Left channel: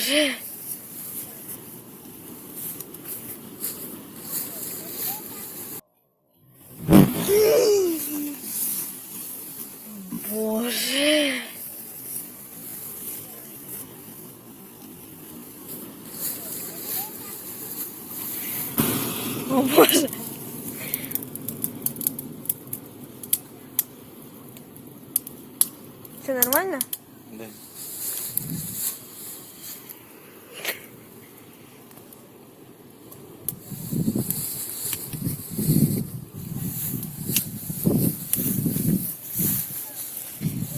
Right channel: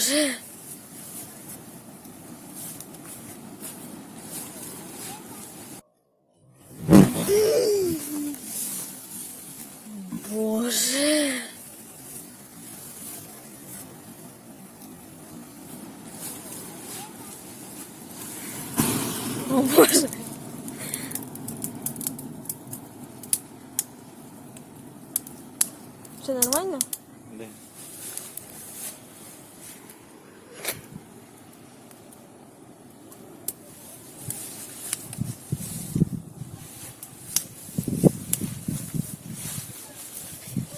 Боже. Боже. О, Боже. Все нормально? Да.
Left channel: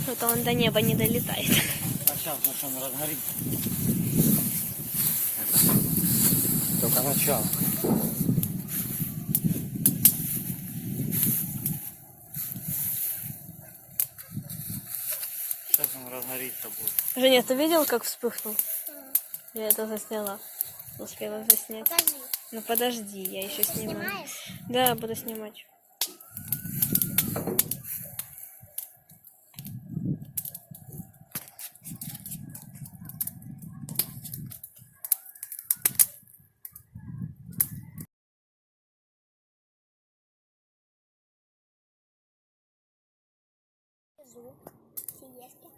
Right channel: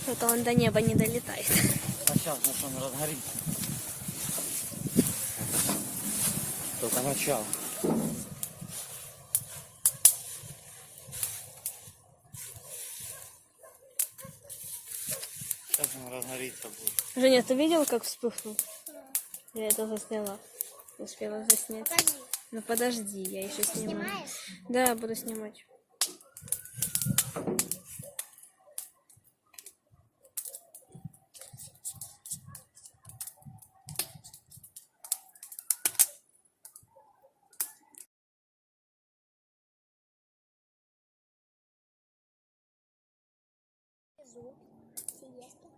Что-то он до неба не долетает. А сейчас он разгорится. Это только начало. Сейчас он разгорится будет. Женя, ты видел, как вспыхнул? Я это засняла. Успела заснять. Покажи. Ну подожди, я еще снимаю. Снимаешь? Да, буду снимать. Сиеста.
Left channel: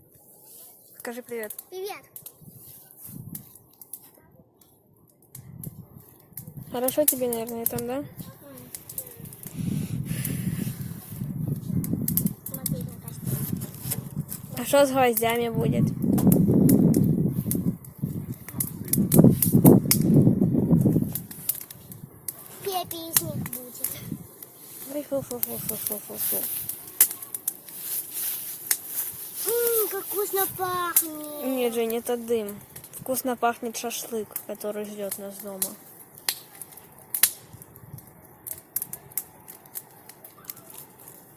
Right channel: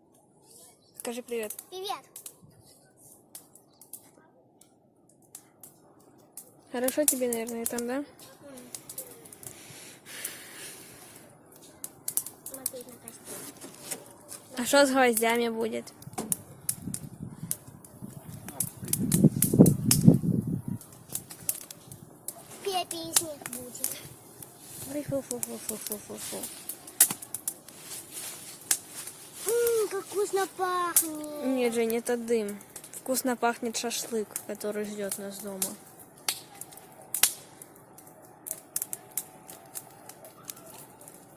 Скажи привет. Привет. Хорошо тебе, наверное, там, да? Смотри на костюм. А что с гвоздями будет? Песник будет. Ой, фу-фу-фу-фу-фу-фу. Как вкусно пахнет. Нет, Жень, это дым. Вкусно пахнет шашлык, который ждет нас дома.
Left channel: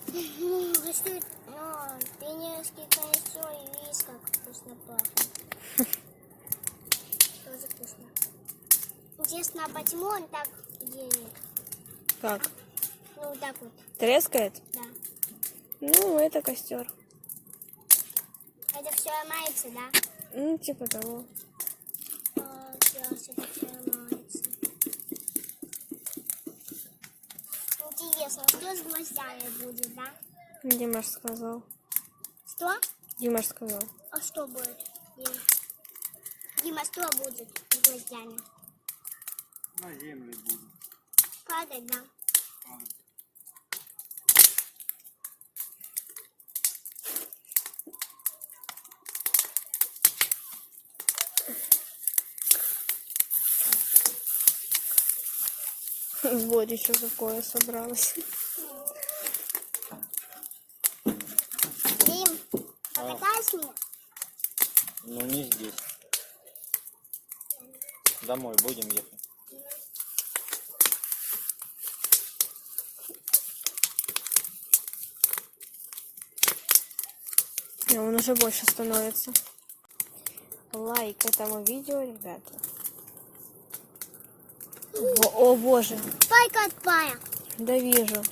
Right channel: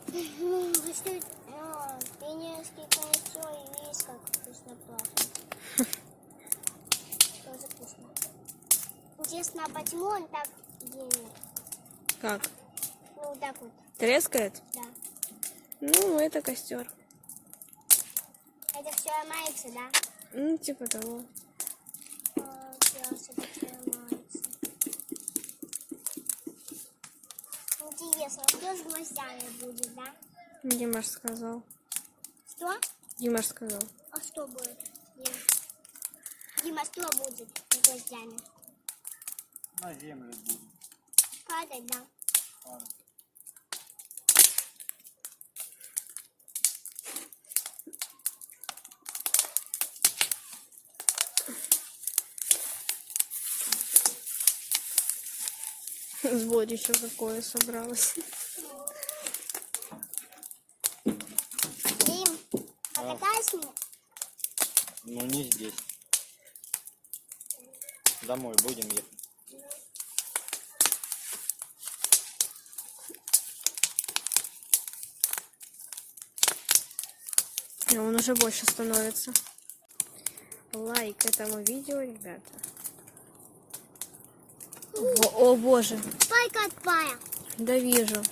Если пионерский костер и видишь, как вкусно пахнет. Тоже вкусно. Интересно, а почему он так делает? Как? Ну, вот так вот, Трескает? да. Ну, это костер. Это все ломается, да? Ну, типа того. Все ломается. Интересно, что с гвоздями будет, да? Димаш сказал. Что? Димаш сказал. А что будет? Дима, что будет с гвоздями? На землю будет. Падать, да? Падать. Сборище какое собралось. Дим, покатайся меня? Ну не здесь. Домой будем ехать. И он уже больше становится. Лайк этому видео, ребята. О, боже. Только отпая. Да вижу.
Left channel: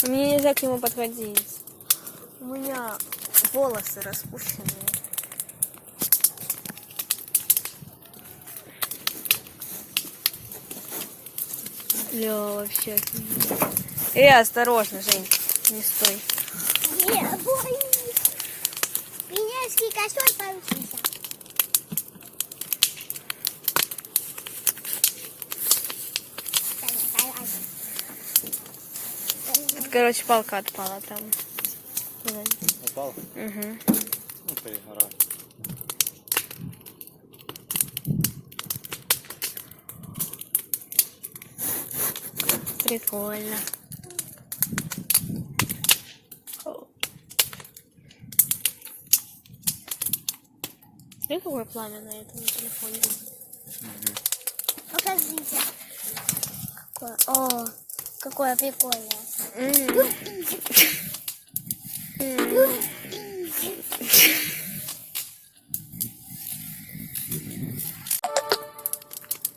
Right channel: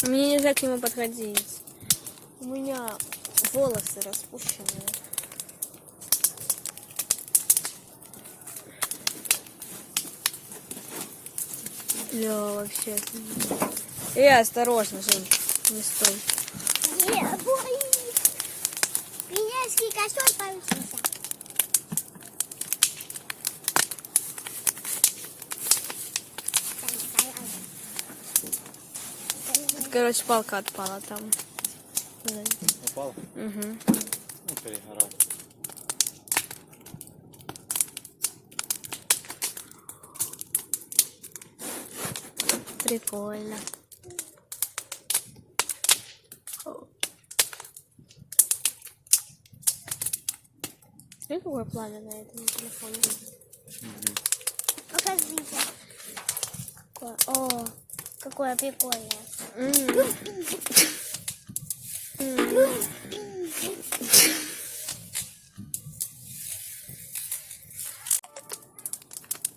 Мне нельзя к нему подходить. У меня волосы распущенные. Ля, вообще. Осторожно, Жень. Не стой. Пионерский костер получился. Короче, палка отпала там. Упал? Угу. Ну, перегорал. Прикольно. Смотри, какое пламя на этом телефоне. Покажите. О, какое прикольное.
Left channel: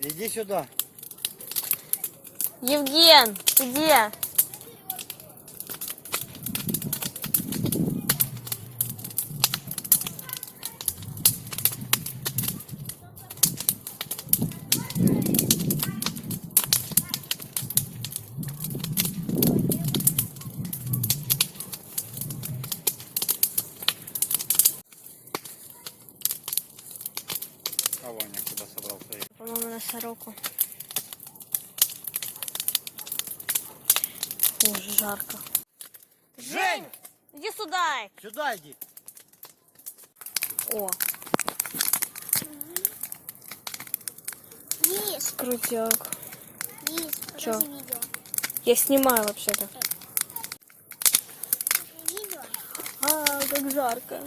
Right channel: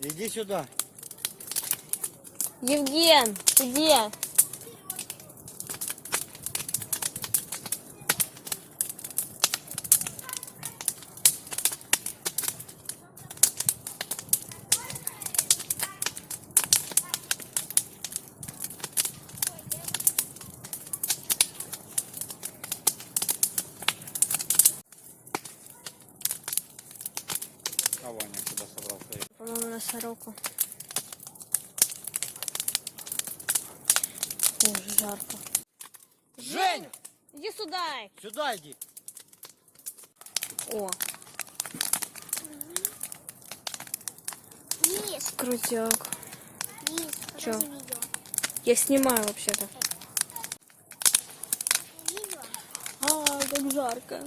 Иди сюда. Евген, ты где? сюда собрал своих. По-моему, на сороку. Ой, жарко. Женя! Иди сюда! Сюда иди. О, Есть, крутяк. есть. Чё? Покажи видео. Я снимаю вообще-то. Видео? А, как жарко.